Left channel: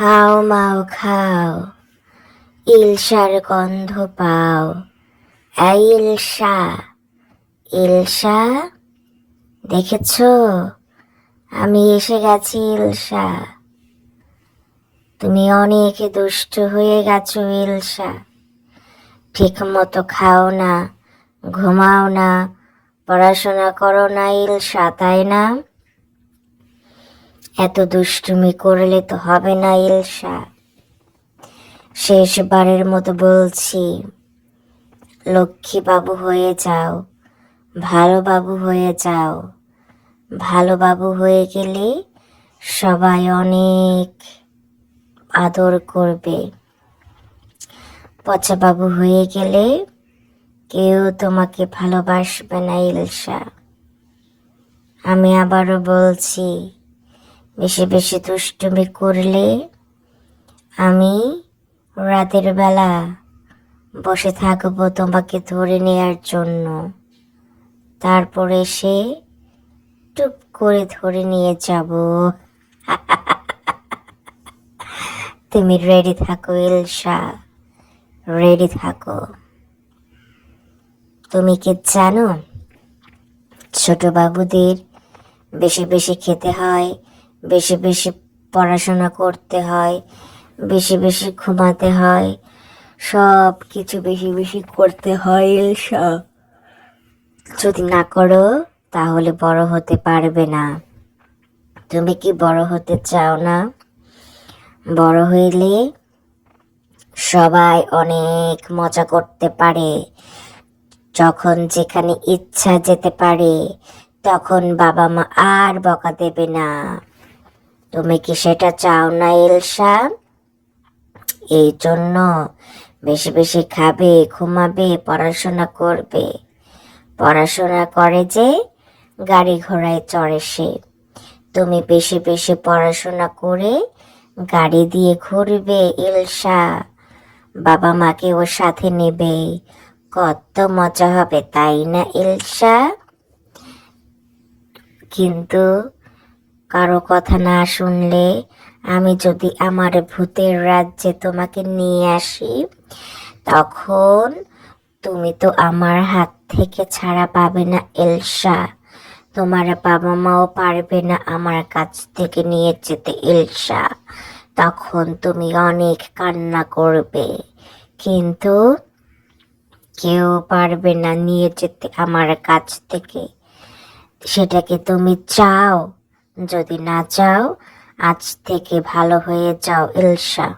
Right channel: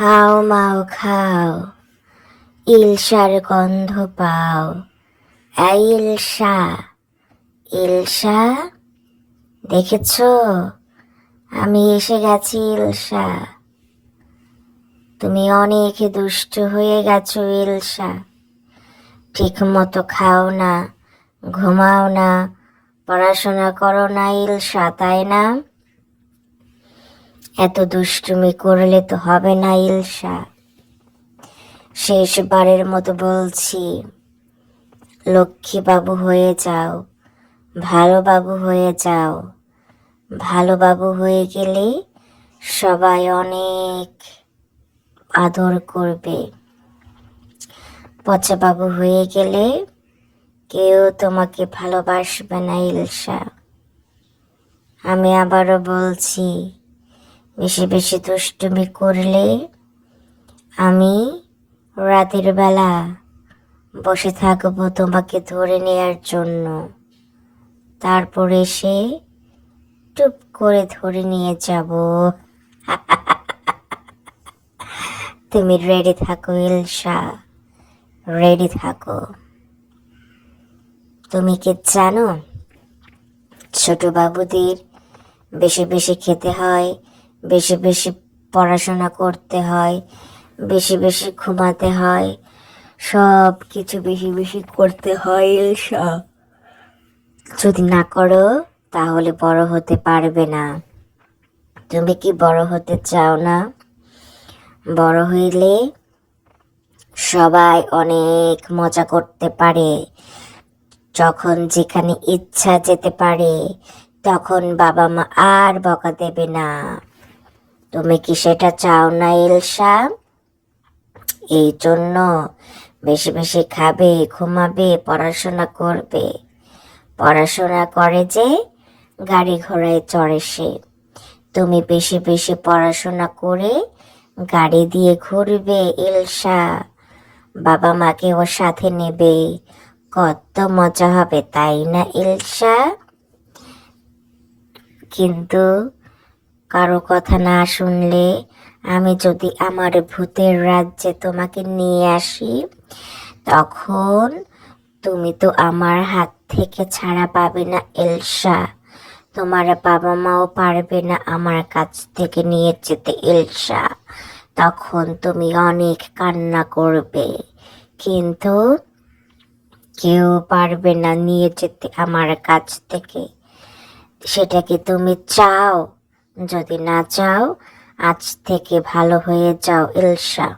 হাও মাও খাও, ইলশার গন্ধ পাও। এই ইলশা, ইলশা, দেখেছ আমি এসে গেছি ইলশা। তুমি অনেক দুষ্টু হয়ে গেছো ইলশা। ঠিক মতো খাও না, ঘুমাও না, পড়াশোনা করো না ইলশা, তাই না? এত দুষ্টুমি করলে তো হবে না ইলশা। শেষবারের মতো বলছি, লক্ষ্মী বাবু হয়ে যাও, ভালো বাবু হয়ে যাও। ভালো বাবু হয়ে গেলে সবাই অনেক আদর করবে। পচা বাবু হয়ে গেলে কেউ তোমাকে ভালোবাসবে না ইলশা। আমি আবারও বলছি, বেশি বেশি দুষ্টুমি করলে আমি রাতের বেলা বসে থাকবো তোমাকে ধরে নেয়ার জন্য। তারপরে সে টুপ করে ধরে নিয়ে যাব। তুমি রেডি থাকো ইলশা, রেডি থাকো। তুমি কি জানো, ছোট বাবুদের বেশি বেশি খেতে হয়, বেশি বেশি পড়াশোনা করতে হয়, বেশি বেশি ঘুমাতে হয়, সব কিছু বেশি বেশি করতে হয় ইলশা। যদি না করো তাহলে বড় হতে পারবে না। তুমি কি বড় হতে চাও না? বড় হইলে সবাই অনেক মজা করতে পারে, যখন যেখানে ইচ্ছা যেতে পারে, তখন বাবা মা আর বকা দেবে না। তুমি কি সেটা চাও না ইলশা? এই জন্য বেশি বেশি খাবে, ঘুমাবে, পড়াশোনা করবে। পড়াশোনা করে যে গাড়ি ঘোড়ায় চড়ে সে। তুমি বেশি বেশি পড়াশোনা করে গাড়ি দিয়ে ঘুরবে ইলশা। বাবা মাকে ওর সাথে নেবে, কত মজা হবে তাই না ইলশা? কিন্তু কারো কথা না শুনলে, আমি যদি আমার ভূতের রাজ্যে তোমাকে নিয়ে আসি, তখন তুমি তো আমার হাত থেকে ছাড়া পাবে না ইলশা। তোমার বাবা মাও পারবে না আমার কাছ থেকে নিয়ে যেতে ইলশা। তখন তুমি অনেক কান্না করবে, কিন্তু কেউ পারবে না নিয়ে যেতে আমার কাছ থেকে। সেটা কি তুমি চাও? যদি না চাও, আজ থেকে ভালো হয়ে যাও ইলশা।